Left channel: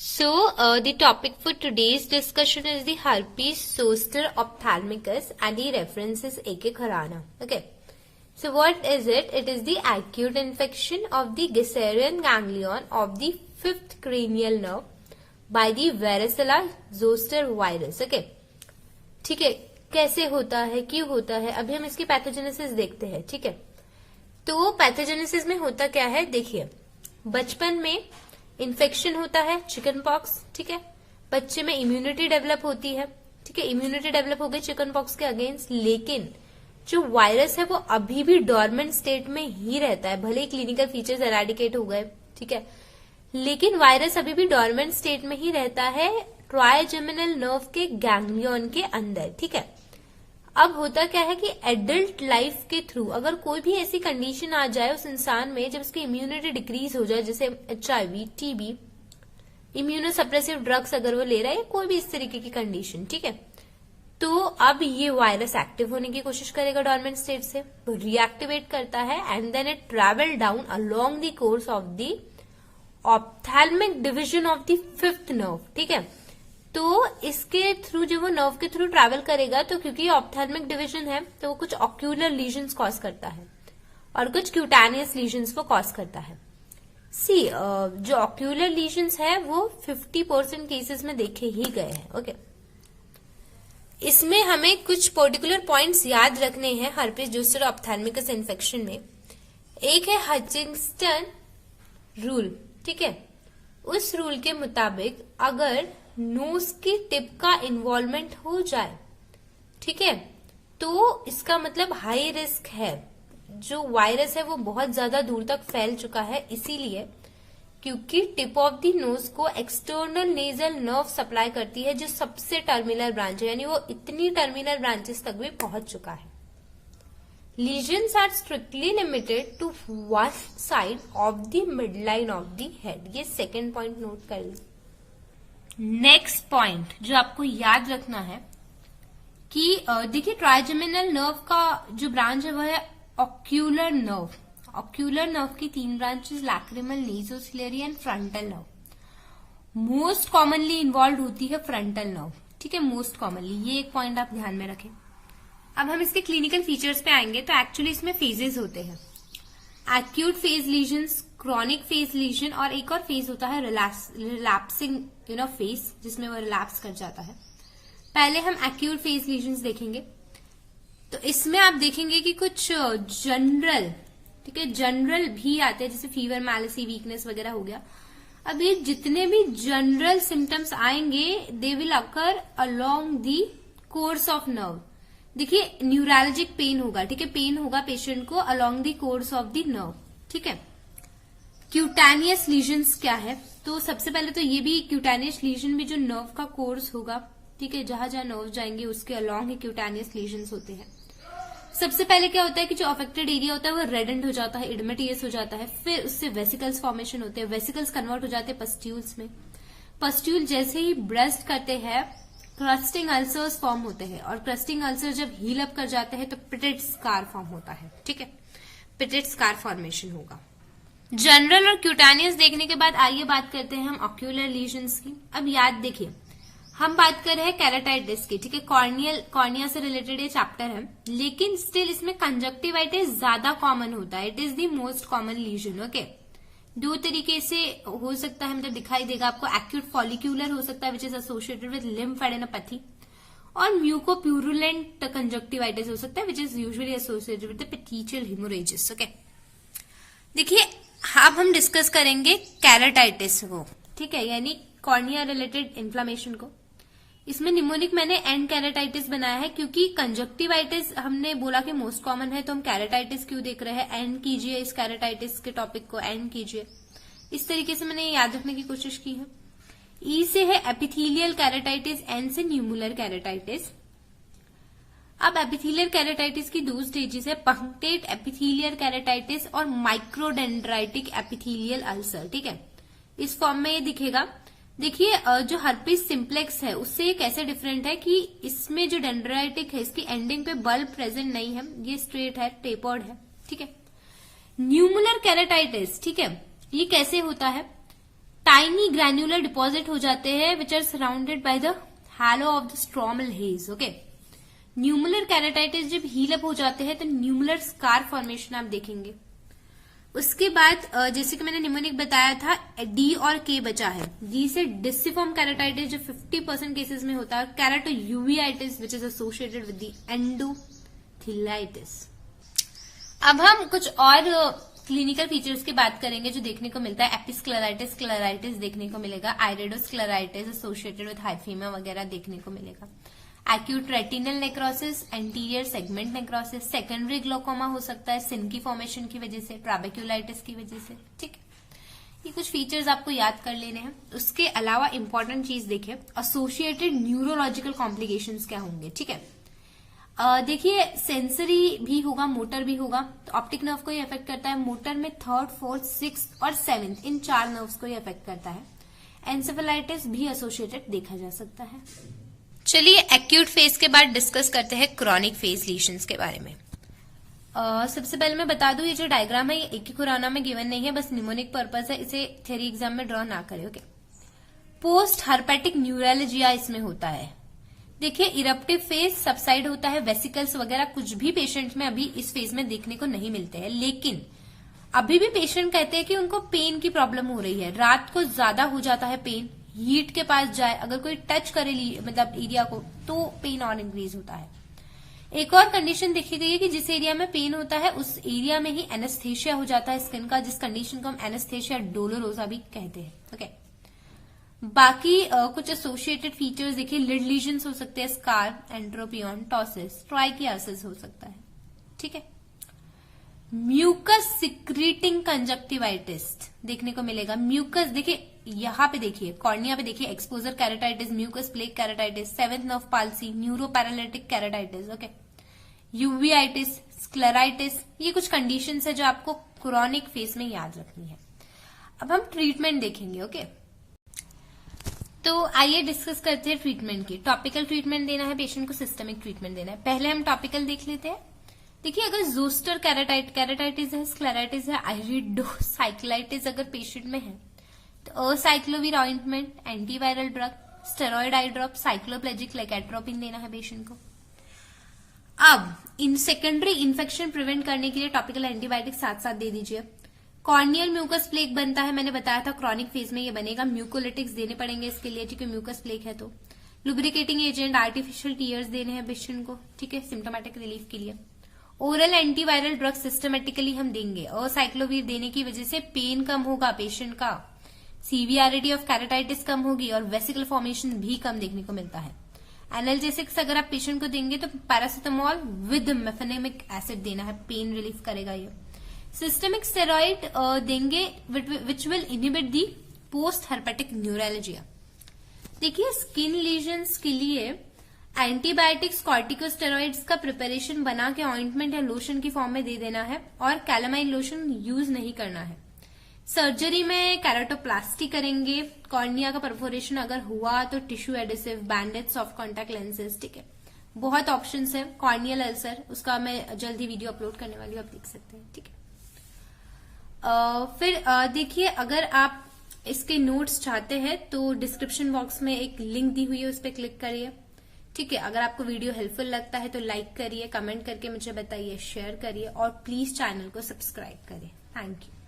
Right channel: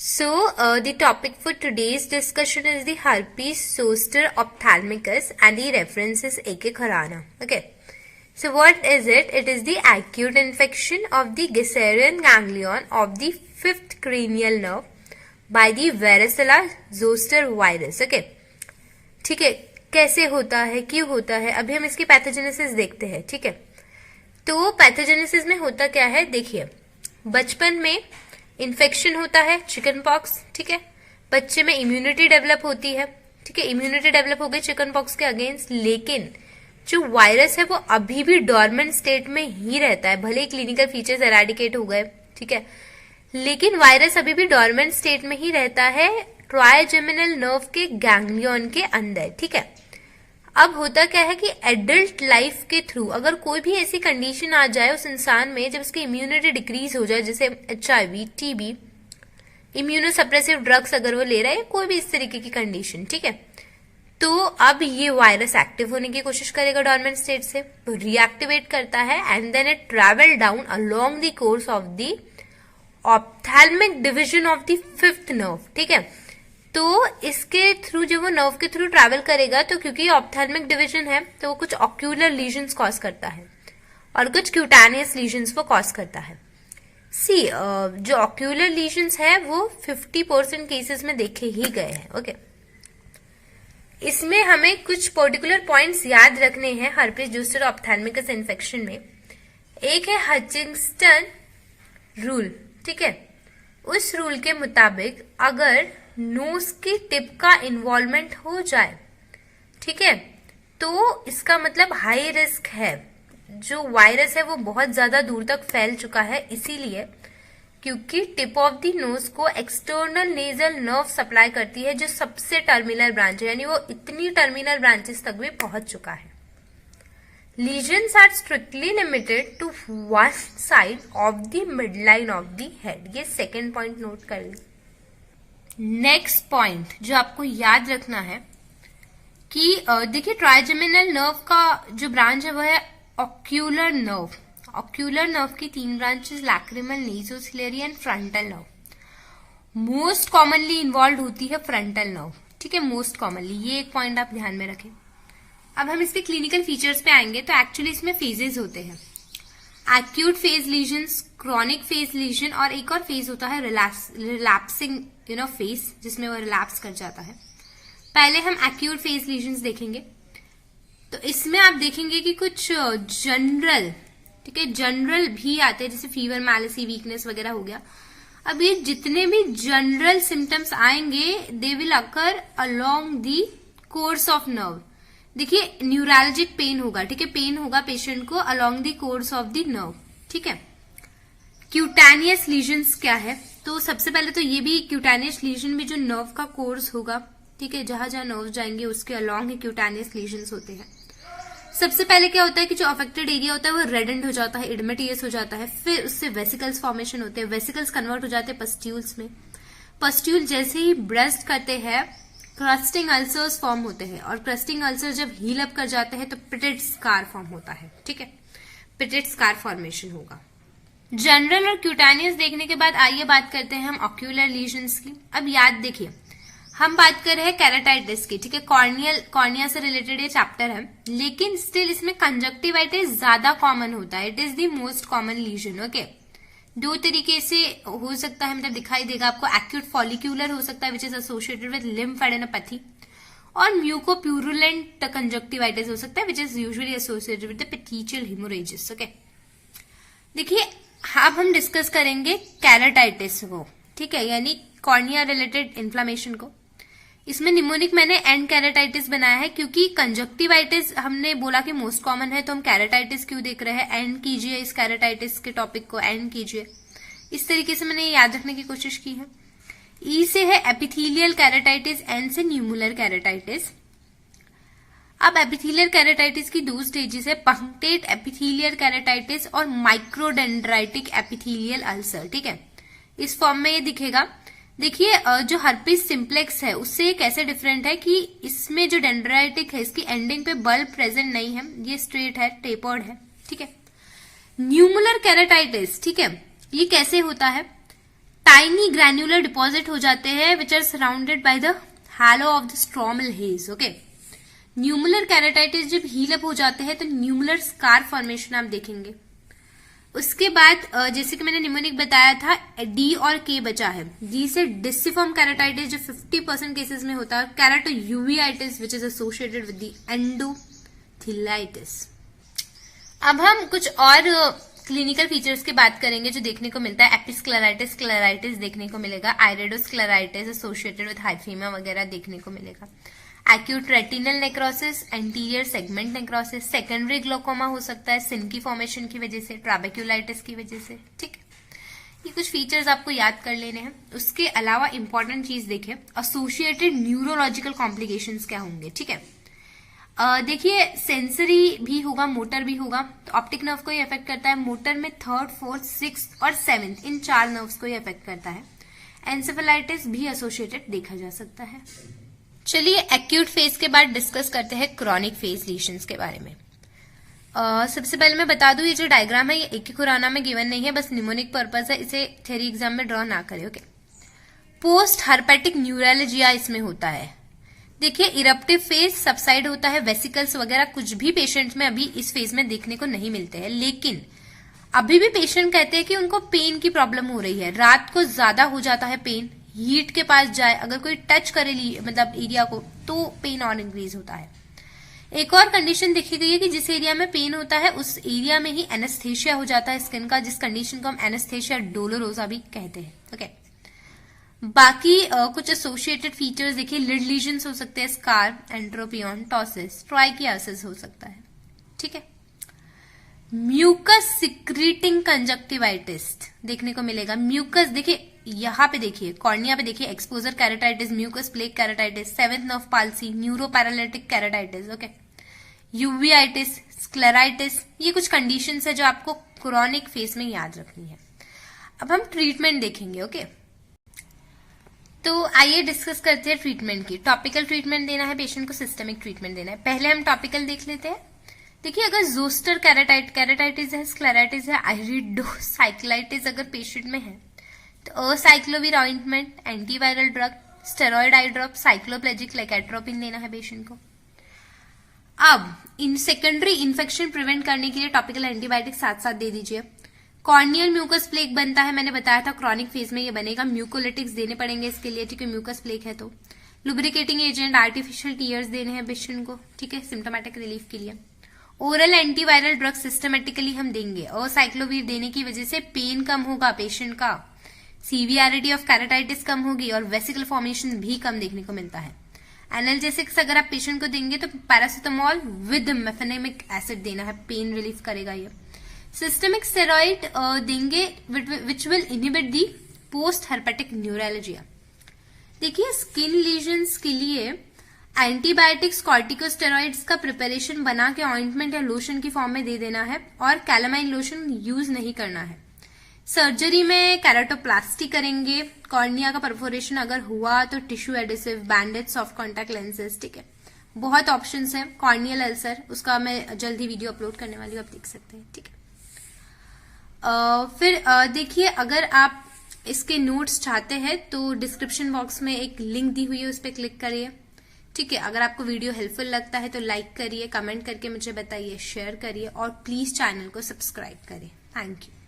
The topic for today's discussion is the herpes zoster ophthalmicus and the reference is A.K. Khurana. Okay. So what is it? It is the acute infection of the Gisserian ganglion of the fifth cranial nerve by the varicella zoster virus. Okay. ठीक है, कैसे होता है, क्यों होता है, अभी हम इसकी पैथोजेनेसिस देखते हैं. ठीक है, तो पैथोजेनेसिस में होता क्या है, देखिए बचपन में इन्फेक्शन होता है, चिकन पॉक्स. ठीक है, बच्चे में इम्यूनिटी डेवलप होती है. ठीक है, इम्यूनिटी डेवलप हो गई चिकन पॉक्स के अगेंस्ट, लेकिन जो वायरस है वो अभी भी डॉर्मेंट स्टेट में ही रहता है. भले ही क्लिनिकल फीचर्स एराडिकेट हो गए, ठीक है, लेकिन वायरस अभी भी डॉर्मेंट स्टेट में ही रहता है ट्राइजेमिनल नर्व के गैंग्लियन के अंदर. ठीक है, अब होता क्या है कि एडल्ट लाइफ के थ्रू अगर कोई भी ऐसी कंडीशन आ जाए उस इंसान में जब उसकी इम्यूनिटी डिक्रीज हो जाए, जैसे HIV, TB, इम्यूनोसप्रेसिव ड्रग्स अगर वो ले रहा है, कोई भी इस तरीके की कंडीशन, ठीक है, तो अब ये वायरस एक्टिव होने की कोशिश करेगा डॉर्मेंट स्टेट से, तो रिएक्टिवेट करता है and then it travel down along the course of the ophthalmic division of the fifth nerve. ठीक है, तो इसके थ्रू जब वो नर्व के थ्रू ट्रैवल करेगा तो क्योंकि ऑप्थेल्मिक डिवीजन है तो वो कुछ ऑक्यूलर लीजन्स कॉज करता है और कुछ क्यूटानियस लीजन्स वो कॉज करता है. जो ऑक्यूलर लीजन्स है वो 50% केसेस में देखे ही गए हैं. ओके, इसमें हमें कुछ पर्टिकुलर पॉइंट्स याद रखने हैं हर्पेस जोस्टर ऑप्थेल्मिकस इन्फेक्शन में. एक है हचिंगस्टन रूल. ठीक है, उस रूल के मुताबिक अगर नोज की टिप का इन्वॉल्वमेंट हो जाए, ठीक है, तो इसका मतलब हाई रिस्क है. जो वायरस है वो बहुत ज्यादा दूर तक फैल चुका है, इसीलिए क्योंकि टिप ऑफ द नोज को एक्सटर्नल नेजल नर्व सप्लाई करती है जो सबसे टर्मिनल ब्रांच है, यानी वो इतनी टर्मिनल ब्रांचेस तक भी पहुंच चुका है. Lesions are strictly limited to one side of the midline of the head. ये सेकेंड पॉइंट नोट कर ली. नेक्स्ट पॉइंट जो आपको याद रखना है कि देखिए ट्राइजेमिनल नर्व का जो ब्रांच है वो है ऑक्यूलर नर्व. ऑक्यूलर नर्व की 3 branches lacrimal, nasociliary and frontal nerve. Most commonly involve होती है फ्रंटल नर्व. ठीक है, मोस्ट कॉमनली, ये एक पॉइंट आप ध्यान में रखें. अब हम इसके क्लिनिकल फीचर्स पे आएंगे. तो एक्चुअली इसमें फेजेस होते हैं, acute phase lesions, chronic phase lesion और एक और फेज होता है रिलैप्सिंग फेज, जिसमें वो रिलैप्स कर जाता है. पहले हम एक्यूट फेज लीजन्स देखेंगे. तो इसमें आप देखेंगे कि कुछ जनरल, ठीक है, जनरल भी आते हैं, जैसे फीवर, मैलेसी, वीकनेस वगैरह हो गया. अब ये जितने भी जनरल सिम्टम्स आएंगे they will occur along the course of nerve. देखिए न्यूरैल्जिक पेन होगा, ठीक है, पेन होगा पेशेंट को along the course of the nerve. ठीक है, क्यूटानियस लीजन्स क्या है, तो सबसे पहले तो ये भी क्यूटानियस लीजन भी जो नर्व का कोर्स होगा, ठीक है, जहां जहां नर्व जाएंगे उसके अलोंग ही क्यूटानियस लीजन्स होते हैं. सबसे पहले क्या होता है कि जो अफेक्टेड एरिया होता है वो रेडेंट हो जाता है, इडमेटियस हो जाता है, फिर उससे वेसिकल्स फॉर्मेशन होते हैं, वेसिकल्स कन्वर्ट हो जाते हैं पस्ट्यूल्स में. पस्ट्यूल जैसे ही ब्रेस्ट करते हैं क्रस्टिंग अल्सर्स फॉर्म होते हैं और क्रस्टिंग अल्सर जब हील अप कर जाते हैं तो पिटेट स्कार फॉर्म होता है. ठीक है, पिटेट स्कार फॉर्मेशन होगा. जनरल और क्यूटानियस देखने के बाद आइए बात करते हैं हम ऑक्यूलर लीजन्स की. अब याद देखिए हम बात कर रहे हैं केराटाइटिस की. ठीक है, कॉर्निया से रिलेटेड ये चैप्टर है, लेकिन स्टिल इसमें कंजक्टिवाइटिस ज्यादा कॉमन होता है. It is the most common lesion. Okay, 2 तरीके से हो सकता है, मतलब दिखाई देगा आपको. एक्यूट फॉलिक्यूलर हो सकता है which is associated with lymphadenopathy, और म्यूकोप्यूरुलेंट कंजक्टिवाइटिस हो सकता है which is usually associated with the petechial haemorrhages. Okay, देखिए अब हम डिस्कस करेंगे केराटाइटिस को. ठीक है, यानी कॉर्निया रिलेटेड इन्फ्लामेशन को. इसमें निमोनिक मैंने एंड केराटाइटिस बनाया है क्योंकि कंजक्टिवाइटिस हमने बोला कि मोस्ट कॉमन है, तो हम केराटाइटिस क्यों देख रहे हैं. एंड कीजिए इस केराटाइटिस के टॉपिक को, एंड कीजिए. इस तरीके से मैंने याद रखने की कोशिश की है. ई से है एपिथेलियल केराटाइटिस, एन से न्यूमुलर केराटाइटिस. अब एपिथेलियल केराटाइटिस की 2 स्टेजेस है, पंक्टेट एपिथेलियल केराटाइटिस और माइक्रोडेंड्राइटिक एपिथेलियल अल्सर. ठीक है, इस फॉर्म में ये दिखेगा. देखिए जो हर्पिस सिंप्लेक्स है उससे ये कैसे डिफरेंट है कि इसमें जो डेंड्राइटिक है इसकी एंडिंग पे बल्ब प्रेजेंट नहीं है, ये स्ट्रेट है, टेपर्ड है. ठीक है, न्यूमुलर केराटाइटिस, ठीक है, ये कैसे होता है, टाइनी ग्रैन्युलर डिपॉजिट हो जाते हैं which are surrounded by the halo of the stromal haze. Okay, nummular keratitis जब हील अप हो जाते हैं तो न्यूमुलर स्कार फॉर्मेशन आप देखेंगे। उसके बाद जैसे कि मैंने निमोनिक बताया था, डी और के बचा है। डी से डिसिफॉर्म केराटाइटिस जो 50% केसेस में होता है, keratouveitis which is associated with the endothelitis. अब हम कुछ और क्लिनिकल फीचर्स की बात करेंगे जो देखने को मिलता है। एपिस्क्लेराइटिस, स्क्लेराइटिस देखने को मिलेगा, आइरेडोस्क्लेराइटिस एसोसिएटेड विद हाइफीमा वगैरह देखने को मिलेगा, acute retinal necrosis, anterior segment necrosis, secondary glaucoma हो सकता है सिन की फॉर्मेशन की वजह से, ट्राबेक्यूलाइटिस की वजह से। ठीक है, ये कुछ फीचर्स आपको याद कर लेने हैं। उसके अलावा इंपॉर्टेंट चीज देखिए, एसोसिएटेड न्यूरोलॉजिकल कॉम्प्लिकेशंस क्या होंगे। ठीक है, देखिए सेंसरी भी होगा, मोटर भी होगा। तो ऑप्टिक नर्व को ही अफेक्ट करता है। मोटर में 3rd, 4th, 6th और 7th इन 4 नर्व्स को ही अफेक्ट करता है। एंसेफेलाइटिस भी एसोसिएटेड देखा जा सकता है। चलिए एक्यूट फेज के बाद डिस्कस करते हैं क्रॉनिक फेज लीशंस के बारे में। सबसे पहले मैं बता दूं, ये जो डायग्राम है ये एक ही खुराना में गिवन नहीं है, बस निमोनिक पर्पज है, इसे थ्योरी एग्जाम में ड्रॉ ना करें। ओके, पोस्ट हर्पेटिक न्यूरोलॉजिया इसमें होता है। देखिए इरप्टिव फेज सबसाइड होता है, वेसिकल्स वगैरह कुछ भी पेशेंट में अभी इस फेज में देखने को नहीं मिलते हैं, लेकिन अभी भी पेशेंट कहते हैं कि उनको पेन की प्रॉब्लम हो रही है, रात को ज्यादा हो जाता है पेन, हीट के पास जाए, अगर कोई टच करे मतलब एरिया को तो पेन और इंक्रीज होता है। एक और कंडीशन देखी गई है कि जिस एरिया में पेन होता है उस एरिया में ही एनेस्थेशिया हो जाता है स्किन का, जिस कंडीशन को हम एनेस्थेशिया डोलोरोसा भी कहते हैं। ओके, बाकी कुछ एसोसिएटेड फीचर्स देखिए, लिड लीजन्स हो सकते हैं, स्कार, एंट्रोपियन, टॉसिस, ट्राइकियासिस हो सकता है। ठीक है, म्यूकस सिक्रीटिंग कंजक्टिवाइटिस देखने को मिलेगा। म्यूकस देखिए यहाँ पे देखिए, कॉर्निया पे देखिए, exposure keratitis, mucus plaque keratitis, 7th nerve palsy, neuroparalytic keratitis. Okay, uveitis, scleritis, ये कुछ कंडीशंस है जो आपको क्रॉनिक फेज में याद रखनी है। अब हम ट्रीटमेंट देखेंगे। ओके, तो आइए डिस्कस करते हैं ट्रीटमेंट की। टॉपिकल ट्रीटमेंट देना है पेशेंट को, सिस्टमिक ट्रीटमेंट देना है। पहले हम टॉपिकल देख लेते हैं। देखिए अगर जोस्टर कैराटाइटिस है, स्क्लेराइटिस है, आइरिडोसाइक्लाइटिस अगर पेशेंट में है तो असाइक्लोविर ऑइंटमेंट, एंटीवायरल ड्रग, स्टेरॉइड आई ड्रॉप, साइक्लोप्लेजिक लेकेट्रोपिन देना है पेशेंट को। अब इन सेकेंडरी इन्फेक्शन प्रिवेंट करने के लिए टॉपिकल एंटीबायोटिक साथ साथ दे दीजिए। कॉर्नियल म्यूकस प्लेक बनता है, मैंने बताया था क्रॉनिक फेज में ये बनेगा, म्यूकोलिटिक्स देने पड़ेंगे इसके लिए, ठीक है, म्यूकस प्लेक है तो। लुब्रिकेटिंग एजेंट, आर्टिफिशियल टीयर्स देने हैं पेशेंट को, ठीक है, सिम्टोमेटिक रिलीफ के लिए। ओरल एंटीवायरल ड्रग सिस्टमेटिकली हम देंगे, और साइक्लोवीर देने की वजह से पेन कम होगा पेशेंट का, सीवियरिटी ऑफ कैराटाइटिस कम होगी और वेसिकल फॉर्मेशन भी कम देखने को मिलता है। एनाल्जेसिक्स अगर आप पेशेंट को देंगे तो पैरासिटामोल विद मेफेनेमिक एसिड देना है, पेन रिलीफ करेगा ये। सिस्टमिक स्टेरॉइड देंगे which will inhibit the post herpetic neuralgia. देखिए स्किन लीजन्स के लिए एंटीबायोटिक्स, कॉर्टिकोस्टेरॉइड्स का प्रिपरेशन बना के ऑइंटमेंट या लोशन की फॉर्म में दे देना है, और कैलामाइन लोशन यूज नहीं करना है। सर्जरी में कैराटोप्लास्टी करेंगे, कॉर्निया का परफोरेशन अगर हुआ तो tissue adhesive, bandage, soft contact lenses, ठीक है, बहुत ऑप्शंस है। कॉर्नियल अल्सर, उसका मैं जल्दी वीडियो अपलोड करने वाली हूँ, आप देख सकते हैं, ठीक है। फिर देखिए अगर आप इसके नोट्स चाहते हैं तो डिस्क्रिप्शन बॉक्स में एक लिंक दी हुई है, उस पर क्लिक करिए, ठीक है। अगर आपको वीडियो हेल्पफुल लगता है तो लाइक करिए, कमेंट करके मुझे बताइए, शेयर करिए और प्लीज चैनल को सब्सक्राइब करिए। Thank you.